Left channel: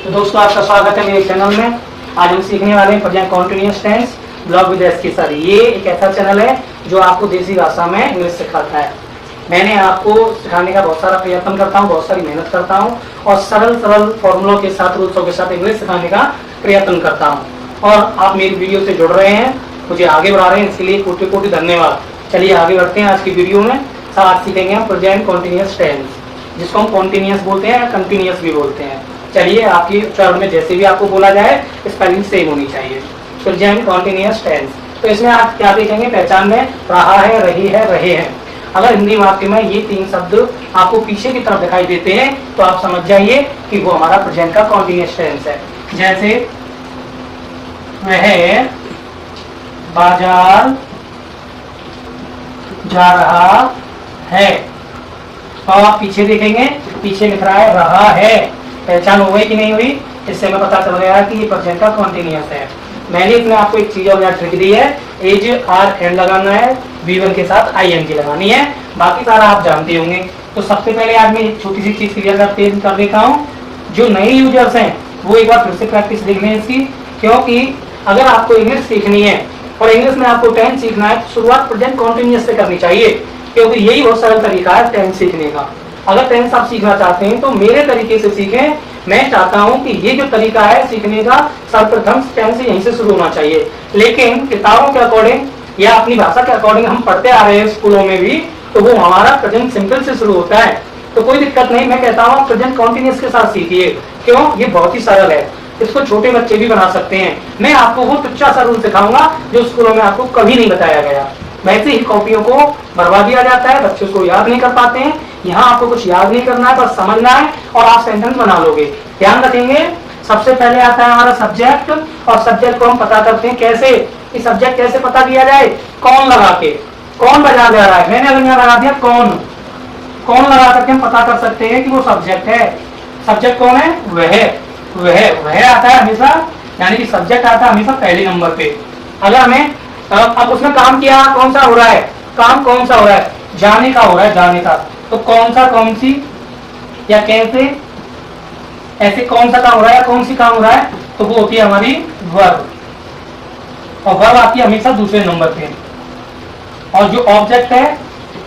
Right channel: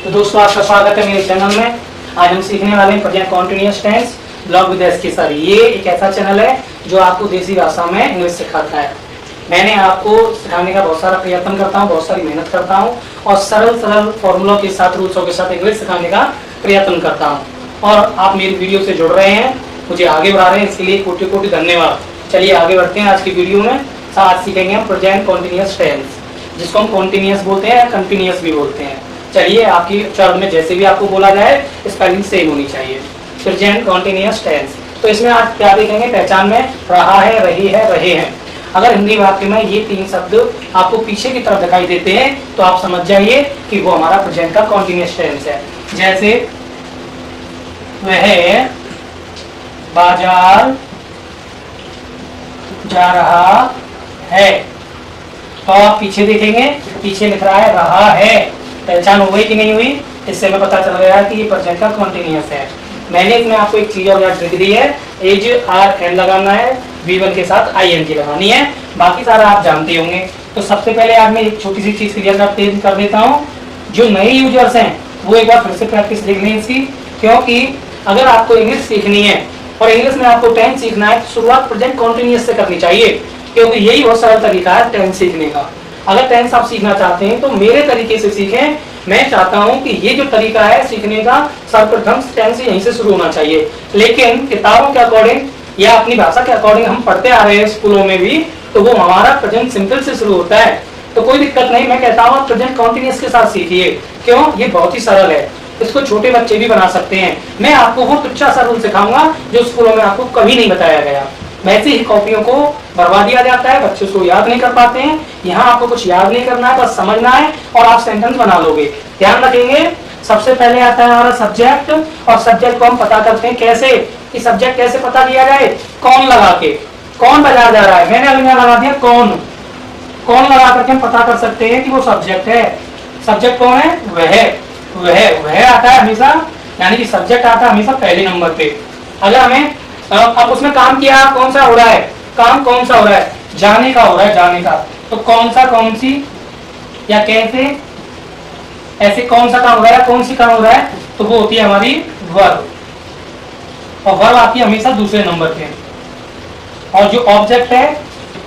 तो दोस्तों आपका स्वागत है मेरे चैनल में। आज हम सीखने वाले हैं present continuous tense blog with SK sir. ये एक ऐसा चैनल है जो आपको देसी भाषा में इंग्लिश सिखाता है। मैंने आपको सिखाने का बहुत सारा प्रयत्न करता हूँ, बहुत सारी मेहनत करता हूँ और सरल सरल फॉर्मूलों के साथ, रूल्सों के साथ इंग्लिश सिखाने का प्रयत्न करता हूँ। और आप मेरी वीडियो से जुड़ रहे हैं, मुझे आगे बढ़ा रहे हैं, इसके लिए कोटि कोटि धन्यवाद। चलिए आगे बढ़ते हैं। आज की वीडियो में आज सीखेंगे हम प्रेजेंट कंटीन्यूअस टेंस, जिसको हम कॉन्टिन्यूअस बोलते हैं, कंटिन्यूअस भी बोलते हैं। चलिए आपकी उच्चारण में जैसे भी आपको बोला जाए स्पेलिंग सेम होनी चाहिए। प्रेजेंट कंटीन्यूअस टेंस, तो इसमें आप क्या देखेंगे? पहचान में रहा है, रही है, रहे हैं। अगर हिंदी वाक्य में ये तीन शब्द आपको पीछे की तरफ दिखाई देते हैं तो आप समझ जाइए कि वो हमारा प्रेजेंट का कंटीन्यूअस टेंस है। जैसे वह बाजार जा रहा है, तो आप पीछे देखेंगे, पीछे लिख रहा है रहा है। पहचान हो गई कि नहीं हुई? इससे हमें पता चल गया कि ये प्रेजेंट का कंटीन्यूअस है। मैंने इसमें आपको एक चीज और ट्रिक दी है, एज आर एंड लगाना है, V1 के साथ ING लगानी है, बाकी सारा आप जानते होंगे। तो सबसे पहले आज मैं एक छोटी सी चीज क्लियर कर देता हूँ। जो नए यूजर्स हैं वो एक बार फिर से प्रैक्टिस देख लें इसकी, क्योंकि अगर आपको इंग्लिश सीखनी है और इंग्लिश में आपको टेंस सीखना है तो शुरुआत प्रेजेंट कंटीन्यूअस से करनी चाहिए, क्योंकि यही बहुत सरल तरीका है टेंस सीखने का। अगर टेंस आप सीखना चाहते हैं तो मेरे तरीके से सीखें। मैं चाहता हूं कि ये जो तरीका है सीखने का, सर्वप्रथम टेंस यहीं से शुरू होना चाहिए। लेकिन किताबों के अकॉर्डिंग या अपनी भाषा के अकॉर्डिंग हम पढ़ते आ रहे हैं स्कूलों में भी, तो वो हमारा प्रेजेंट सिंपल से शुरू होता है। तो कोई दिक्कत नहीं, मैं कहता हूँ प्रेजेंट कंटीन्यूअस के साथ सीखिए। क्यों? ये बहुत ही सरल है, इसको छोटे बच्चे भी बना सकते हैं। मैं आपको वो तुच्छा सा रूल सिखाऊंगा जो स्कूलों में आपको कभी नहीं बताया गया। वैसे ही कॉपियों को भरवा दिया जाता है, बच्चे उसको याद नहीं कर पाते हैं। यहाँ आपको कुछ याद नहीं करना है, बस समझना है और आप सेंटेंस बना लोगे। ध्यान रखेंगे, सबसे पहले आता है हमारा सब्जेक्ट, और सब्जेक्ट को हम पता करते हैं कैसे, कि सब्जेक्ट कैसे पता किया जाए? कौन लगा के। कौन बाजार जा रहा है, मैंने अभी लगा दिया कौन। कौन लगा करके हम पता कर सकते हैं कि वो सब्जेक्ट है। सब्जेक्ट कौन है? वह आता है हमेशा, यानी कि सब्जेक्ट आता है हमेशा पहले नंबर पे। अगर हमें अब उसमें काम किया, कौन सा हो रहा है? काम कौन सा हो रहा है? जाने का हो रहा है, जाने का। तो कौन सा, कौन सी या कैसे, ऐसे कौन सा काम हो रहा है या कौन सी काम हो रहा है, तो वो होती है हमारी वर्ब, और वर्ब आती है हमेशा दूसरे नंबर पे। और जो ऑब्जेक्ट है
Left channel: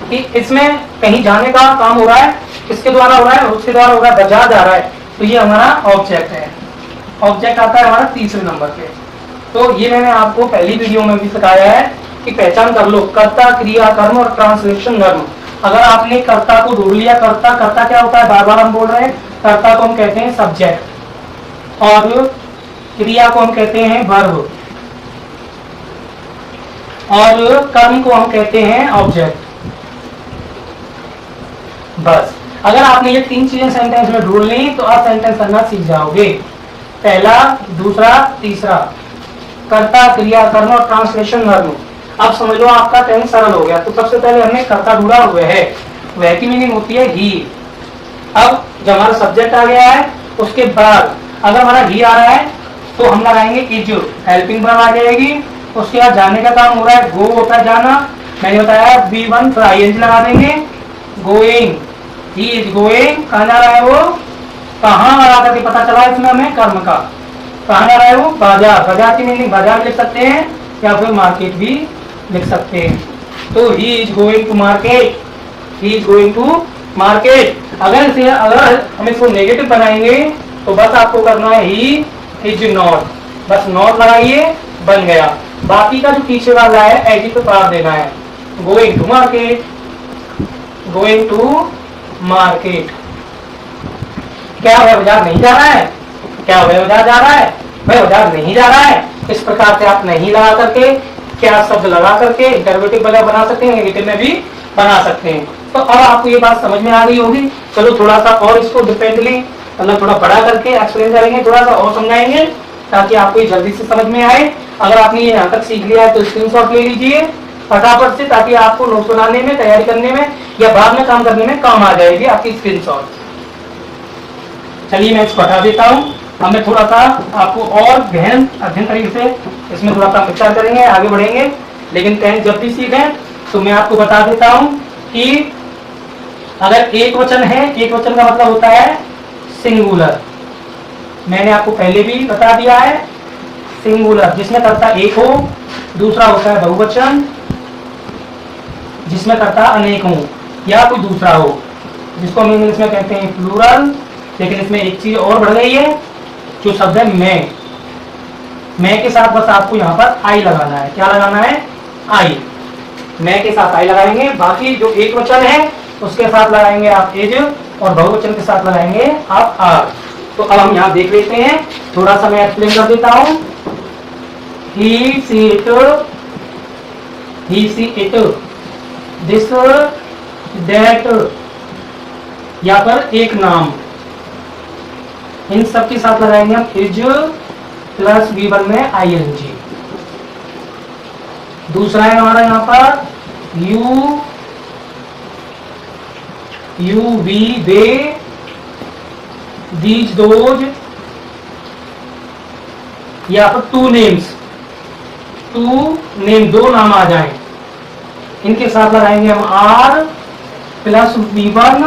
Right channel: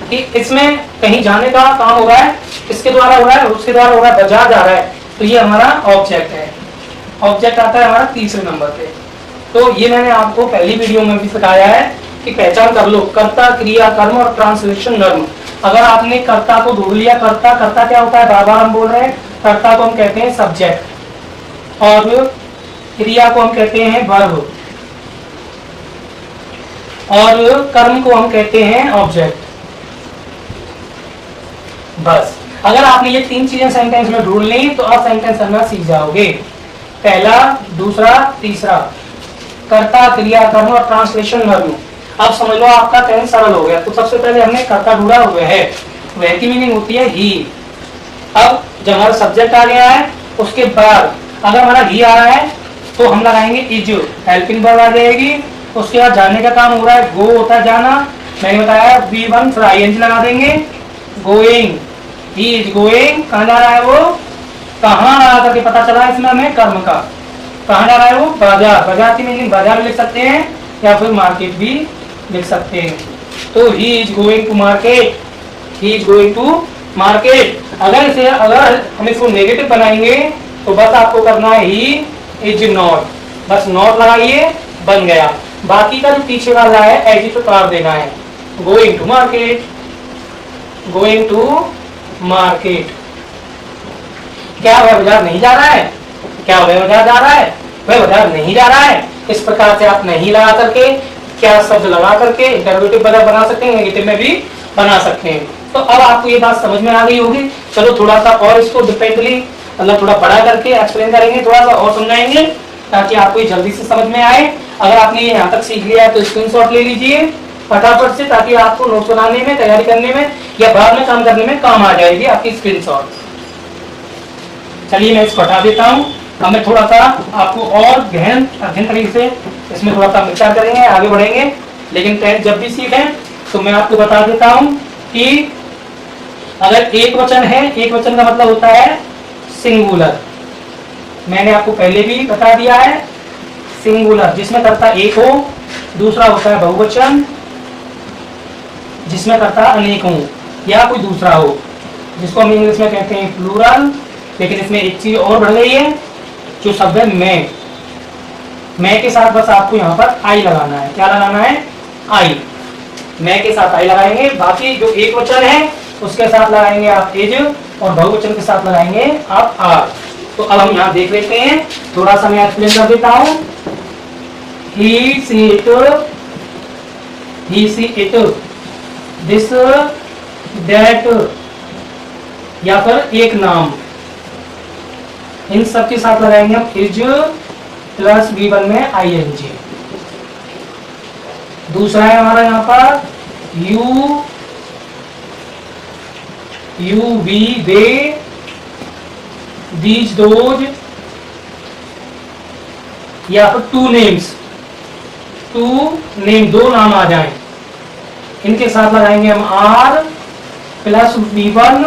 कि इसमें कहीं जाने का काम हो रहा है, किसके द्वारा हो रहा है? उसके द्वारा हो रहा है, बाजार जा रहा है, तो ये हमारा ऑब्जेक्ट है। ऑब्जेक्ट आता है हमारा तीसरे नंबर पे। तो ये मैंने आपको पहली वीडियो में भी सिखाया है कि पहचान कर लो कर्ता, क्रिया, कर्म और ट्रांसलेशन धर्म। अगर आपने कर्ता को ढूंढ लिया, कर्ता क्या होता है? बार बार हम बोल रहे हैं, कर्ता को हम कहते हैं सब्जेक्ट, और क्रिया को हम कहते हैं वर्ब, और कर्म को हम कहते हैं ऑब्जेक्ट। बस अगर आपने ये तीन चीजें सेंटेंस में ढूंढ ली तो आप सेंटेंस करना सीख जाओगे। पहला, दूसरा, तीसरा, कर्ता, क्रिया, कर्म और ट्रांसलेशन वर्ब। अब समझ लो आपका टेंस सरल हो गया। तो सबसे पहले हमने कर्ता ढूंढा, वह की मीनिंग होती है ही। अब जब हमारा सब्जेक्ट आ गया है उसके बाद अगर हमारा ही आ रहा है तो हम लगाएंगे इज, हेल्पिंग वर्ब आ जाएगी। उसके बाद जाने का काम हो रहा है, गो होता है जाना, मैंने बताया V1 फिर ING लगा देंगे, गोइंग, ही इज गोइंग। कहाँ जा रहा है वो? कहाँ लगा करके पता चला इसमें हमें कर्म का। कहाँ जा रहा है वो? बाजार। बाजार की मीनिंग बाजार लिख सकते हैं या फिर मार्केट भी लिख सकते हैं। तो he is going to market, he is going to market. अगर हम इसको नेगेटिव बनाएंगे तो बस आपको करना है ही इज नॉट, बस नॉट लगाइए, बन गया। बाकी का जो पीछे वाला है एज पे पार देना है, going to market, going to market. क्या वह बाजार नहीं जा रहा है? क्या वह बाजार जा रहा है? वह बाजार नहीं जा रहा है। इस प्रकार से आप नहीं लगा करके, क्या शब्द लगा करके इंटरोगेटिव बना सकते हैं, नेगेटिव में भी बना सकते हैं। तो अब आपको ये बात समझ में आ गई होगी। चलो थोड़ा सा और इसको डिपेंडली, मतलब थोड़ा बड़ा करके एक्सप्लेन करेंगे, थोड़ा सा और समझाएंगे ताकि आपको ये जल्दी से समझ में आए। अगर आपने ये यहाँ तक सीख लिया है तो स्क्रीनशॉट ले लीजिए फटाफट से, ताकि आपको नोट्स बनाने में, तैयारी करने में या बाद में काम करने में काम आ जाएगी आपकी स्क्रीनशॉट। चलिए मैं इसको हटा देता हूँ। हमें थोड़ा सा आपको और गहन अध्ययन तरीके से इसमें थोड़ा सा विचार करेंगे, आगे बढ़ेंगे। लेकिन टेंस जब भी सीखें तो मैं आपको बता देता हूँ कि अगर एक वचन है, एक वचन का मतलब होता है सिंगुलर, मैंने आपको पहले भी बता दिया है, सिंगुलर जिसमें कर्ता एक हो, दूसरा होता है बहुवचन जिसमें कर्ता अनेक हो या कोई दूसरा हो, जिसको हम इंग्लिश में कहते हैं प्लूरल। लेकिन इसमें एक चीज और बढ़ गई है, जो शब्द है मैं के साथ बस आपको यहाँ पर आई लगाना है। क्या लगाना है? आई। मैं के साथ आई लगाएंगे, बाकी जो एक वचन है उसके साथ लगाएंगे आप इज, और बहुवचन के साथ लगाएंगे आप आर। तो अब हम यहाँ देख लेते हैं, थोड़ा सा मैं एक्सप्लेन कर देता हूँ। ही सी इट, दिस दैट, या फिर एक नाम, इन सब के साथ लगाएंगे हम इज प्लस V1 में ing। दूसरा है हमारा यहाँ पर you we they, these those, या फिर टू नेम, दो नाम आ जाएं, इनके साथ लगाएंगे हम are plus V1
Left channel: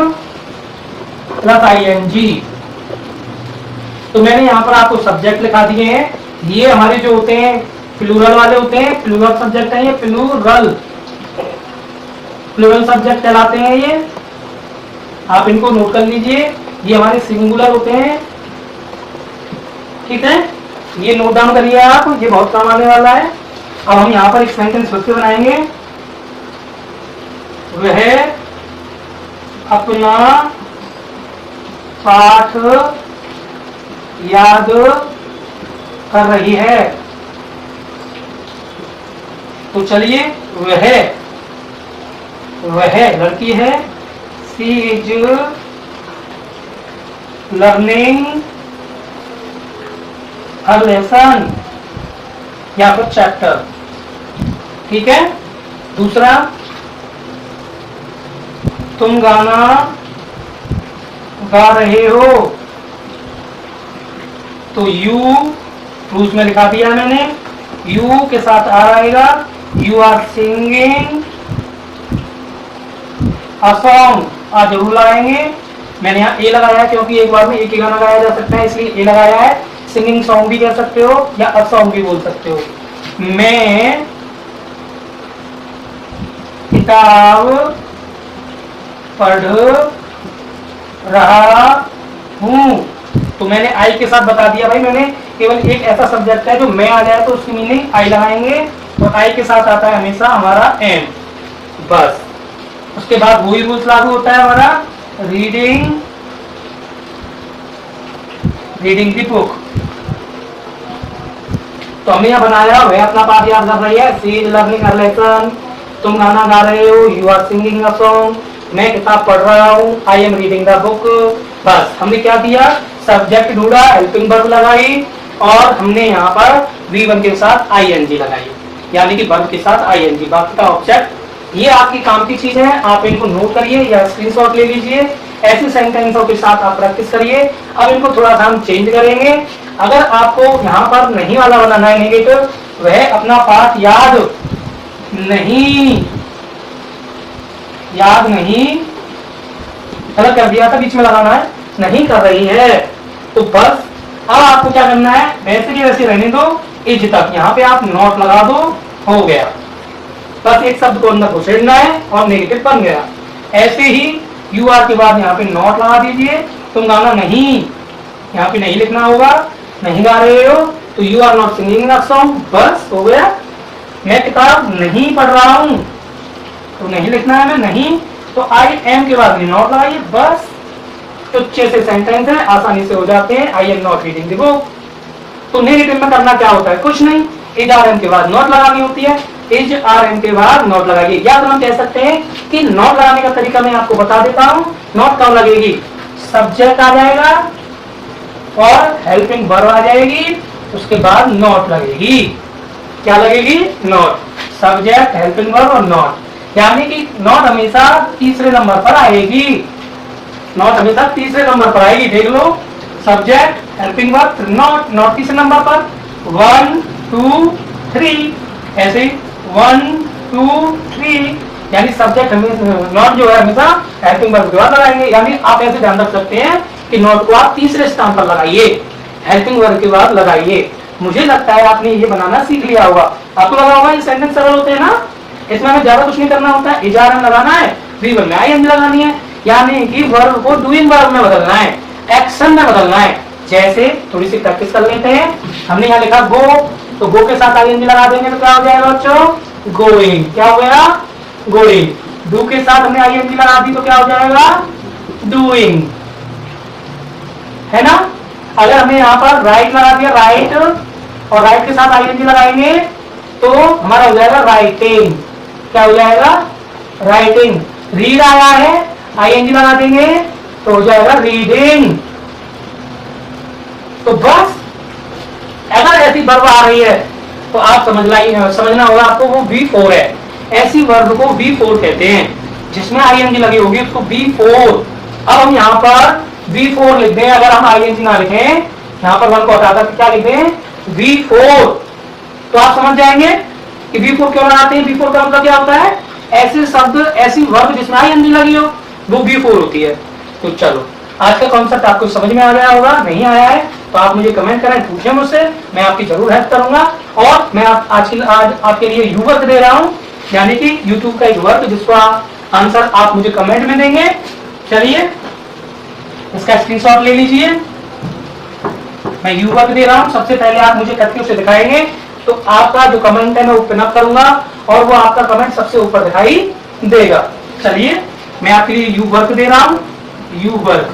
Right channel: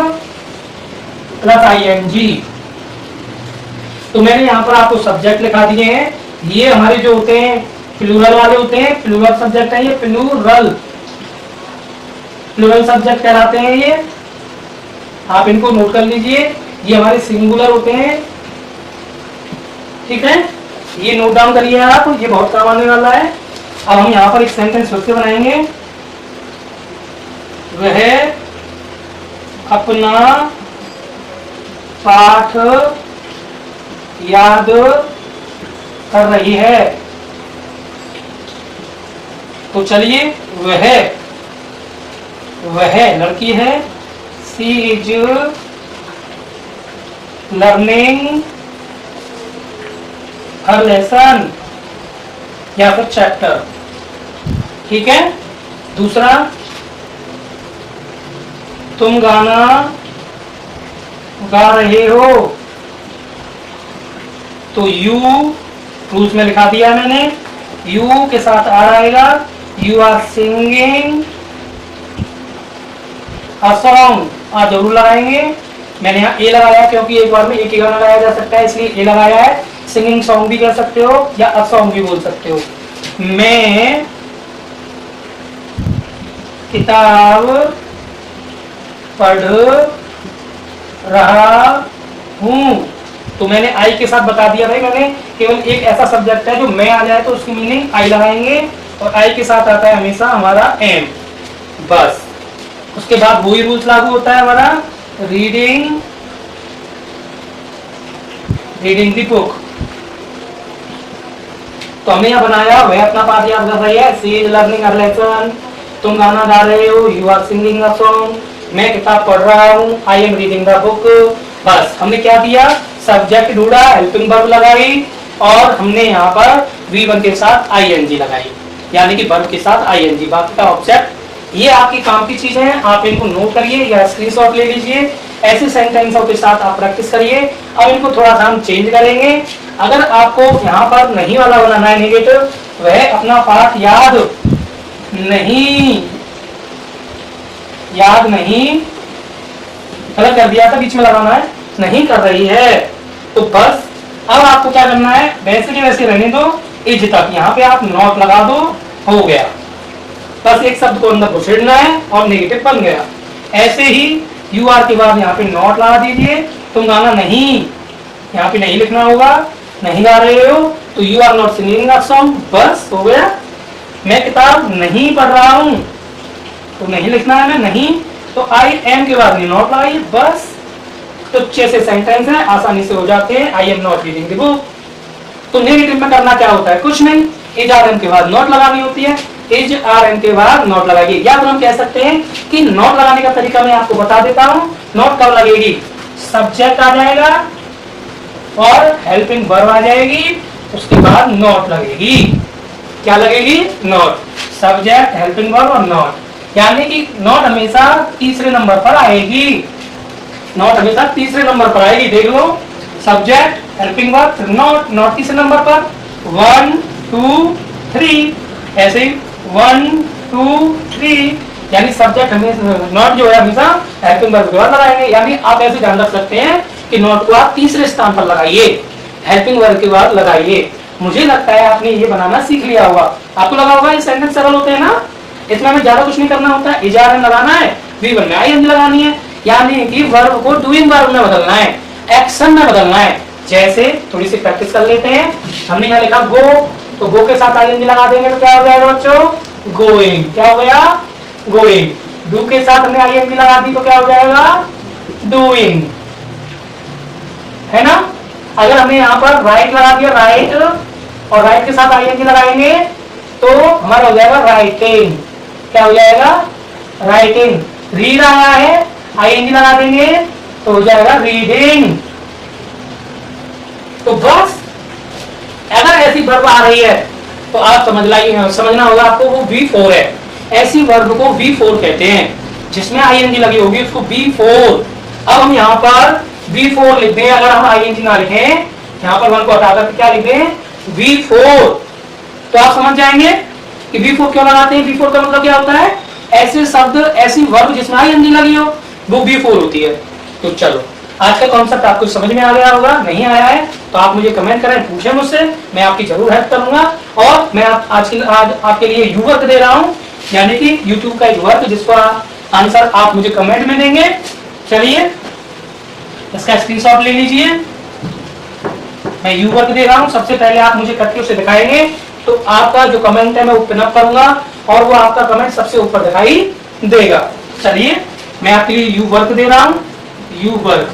plus ing। तो मैंने यहाँ पर आपको सब्जेक्ट लिखा दिए हैं। ये हमारे जो होते हैं प्लूरल वाले होते हैं, प्लूरल सब्जेक्ट है ये, प्लूरल सब्जेक्ट कहलाते हैं ये, आप इनको नोट कर लीजिए। ये हमारे सिंगुलर होते हैं, ठीक है, ये नोट डाउन करिए आप, ये बहुत काम आने वाला है। अब हम यहाँ पर एक सेंटेंस फिर से बनाएंगे। वह अपना पाठ याद कर रही है। तो चलिए, वह लड़की है, she is learning her lesson या फिर चैप्टर, ठीक है। दूसरा, तुम गाना गा रहे हो, तो यू रूस में लिखा दिया मैंने, यू के साथ आ आएगा, you are singing a song, आ जरूर लगाएंगे। मैंने यहाँ ए लगाया क्योंकि एक बार में एक ही गाना गाया जा सकता है, इसलिए ए लगाया है। सिंगिंग सॉन्ग भी कह सकते हो या अ सॉन्ग भी बोल सकते हो। मैं किताब पढ़ रहा हूँ, तो मैंने आई के साथ बता दिया भाई, मैंने केवल एक ऐसा सब्जेक्ट है जो मैं आ जाए तो उसकी मीनिंग आई लगाएंगे, और आई के साथ आता है हमेशा हमारा एम, बस। उसके बाद वही रूल्स लागू होता है हमारा, रीडिंग द बुक। तो हमने यहाँ बनाया, वह अपना पाठ याद कर रही है, she is learning her lesson, तुम गाना गा रहे हो, you are singing a song, मैं किताब पढ़ रहा हूँ, I am reading the book. बस हमने क्या किया, सब्जेक्ट ढूंढा, हेल्पिंग वर्ब लगाई, और हमने यहाँ पर V1 के साथ ing लगाई, यानी कि वर्ब के साथ ing, बाकी का ऑब्जेक्ट। ये आपकी काम की चीज है, आप इनको नोट करिए या स्क्रीनशॉट ले लीजिए। ऐसे सेंटेंसों के साथ आप प्रैक्टिस करिए। अब इनको थोड़ा सा हम चेंज करेंगे। अगर आपको यहाँ पर नहीं वाला बनाना है नेगेटिव, वह अपना पाठ याद नहीं गलत कर दिया था, बीच में लगाना है, नहीं कर रही है। तो बस अब आपको क्या करना है, वैसे के वैसे रहने दो, इज तक यहाँ पे आप नॉट लगा दो, हो गया। बस एक शब्द को अंदर घुसेड़ना है और नेगेटिव बन गया। ऐसे ही यू आर के बाद यहाँ पे नॉट लगा दीजिए। तुम गाना नहीं, यहाँ पे नहीं लिखना होगा, नहीं गा रहे हो, तो you are not singing a song, बस हो गया। मैं किताब नहीं पढ़ रहा हूँ, तो नहीं लिखना है, मैं नहीं, तो आई एम के बाद नॉट लगाइए, बस। तो 6 से सेंटेंस है, आसानी से हो जाते हैं। I am not reading the book. तो नेगेटिव में करना क्या होता है, कुछ नहीं, इज आर एम के बाद नॉट लगानी होती है, इज आर एम के बाद नॉट लगाइए। या तो हम कह सकते हैं कि नॉट लगाने का तरीका मैं आपको बता देता हूँ। नॉट कब लगेगी, सब्जेक्ट आ जाएगा और हेल्पिंग वर्ब आ जाएगी, उसके बाद नॉट लगेगी। क्या लगेगी, नॉट, सब्जेक्ट हेल्पिंग वर्ब और नॉट, यानी कि नॉट हमेशा तीसरे नंबर पर आएगी। नॉट हमेशा तीसरे नंबर पर आएगी, देख लो, subject helping verb not, not तीसरे नंबर पर, 1 2 3, ऐसे 1 2 3, यानी सब्जेक्ट नॉट जो है हमेशा हेल्पिंग वर्ब के बाद लगाएंगे। यानी आप ऐसे ध्यान रख सकते हैं कि नॉट को आप तीसरे स्थान पर लगाइए। हेल्पिंग वर्ब के बाद लगाइए। मुझे लगता है आपने ये बनाना सीख लिया होगा। आपको लगा होगा ये सेंटेंस सरल होते हैं ना, इसमें हमें ज्यादा कुछ नहीं करना होता है। इजारन लगाना है, V1 में आईएनजी लगानी है, यानी कि वर्ब को डूइंग वर्ब में बदलना है, एक्शन में बदलना है। जैसे थोड़ी सी प्रैक्टिस कर लेते हैं। हमने यहाँ लिखा गो, तो गो के साथ आईएनजी लगा देंगे तो क्या हो जाएगा बच्चों, गोइंग। क्या हो गया, गोइंग। डू के साथ हमने आईएनजी लगा दी तो क्या हो जाएगा, डूइंग, है ना। अगर हमने यहाँ पर राइट लगा दिया, राइट, और राइट के साथ आईएनजी लगाएंगे तो हमारा हो जाएगा राइटिंग। क्या हो जाएगा, राइटिंग। रीड आया है, आईएनजी लगा देंगे तो हो जाएगा रीडिंग। तो बस अगर ऐसी वर्ब आ रही है तो आप समझना होगा आपको वो V4 है। ऐसी वर्ब को V4 कहते हैं जिसमें आईएनजी लगी होगी उसको V4। अब हम यहाँ पर V4 लिख दें, अगर हम आईएनजी ना लिखें, यहाँ पर 1 को हटा कर क्या लिख दें, V4, तो आप समझ जाएंगे कि V4 क्यों लगाते हैं। V4 का मतलब क्या होता है, ऐसे शब्द, ऐसी वर्ब जिसमें आईएनजी लगी हो वो V4 होती है। तो चलो, आज का कॉन्सेप्ट आपको समझ में आ गया होगा। नहीं आया है तो आप मुझे कमेंट करें, पूछें मुझसे, मैं आपकी जरूर हेल्प करूंगा। और मैं आज आपके लिए यू वर्क दे रहा हूं, यानी कि यूट्यूब का एक वर्क जिसका आंसर आप मुझे कमेंट में देंगे। चलिए इसका स्क्रीनशॉट ले लीजिए। मैं यू वर्क दे रहा हूं, सबसे पहले आप मुझे करके उसे दिखाएंगे तो आपका जो कमेंट है मैं वो पिनअप करूंगा और वो आपका कमेंट सबसे ऊपर दिखाई देगा। चलिए मैं आपके लिए यू वर्क दे रहा हूं, यू वर्क,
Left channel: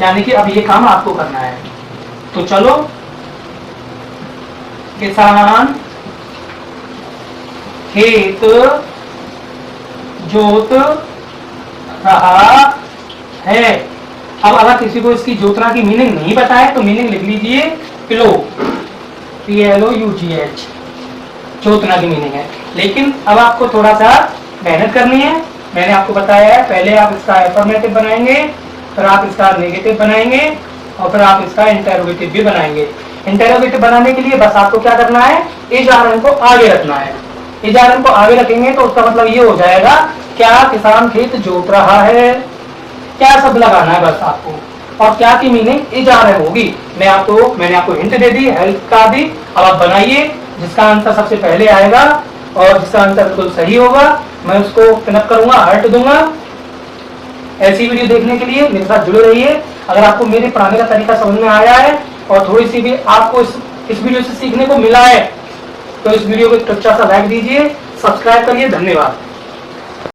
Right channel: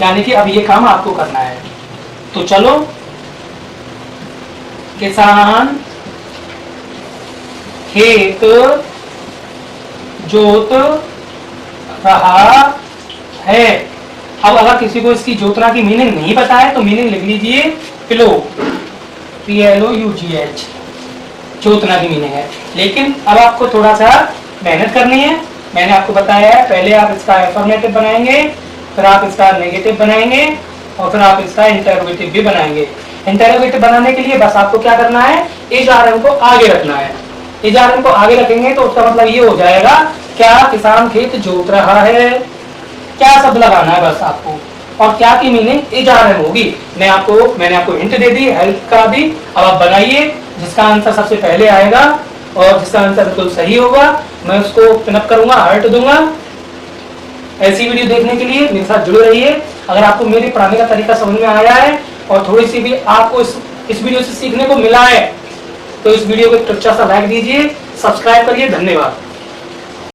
यानी कि अब ये काम आपको करना है। तो चलो, किसान खेत जोत रहा है। अब अगर किसी को इसकी जोतना की मीनिंग नहीं पता है तो मीनिंग लिख लीजिए प्लो, PLOUGH, जोतना की मीनिंग है। लेकिन अब आपको थोड़ा सा मेहनत करनी है। मैंने आपको बताया है, पहले आप इसका अफर्मेटिव बनाएंगे, फिर आप इसका नेगेटिव बनाएंगे और फिर आप इसका इंटरोगेटिव भी बनाएंगे। इंटरोगेटिव बनाने के लिए बस आपको क्या करना है, इज आर एन को आगे रखना है। इज आर एन को आगे रखेंगे तो उसका मतलब ये हो जाएगा, क्या किसान खेत जोत रहा है, क्या शब्द लगाना है बस आपको, और क्या की मीनिंग इज आर एन होगी। मैंने आपको हिंट दे दी, हेल्प का दी। अब आप बनाइए, जिसका आंसर सबसे पहले आएगा और जिसका आंसर बिल्कुल सही होगा मैं उसको पिनअप करूंगा, हार्ट दूंगा। ऐसी वीडियो देखने के लिए मेरे साथ जुड़े रहिए। अगर आपको मेरे पढ़ाने का तरीका समझ में आया है और थोड़ी सी भी आपको इस वीडियो से सीखने को मिला है तो इस वीडियो को एक अच्छा सा लाइक दीजिए, सब्सक्राइब करिए। धन्यवाद।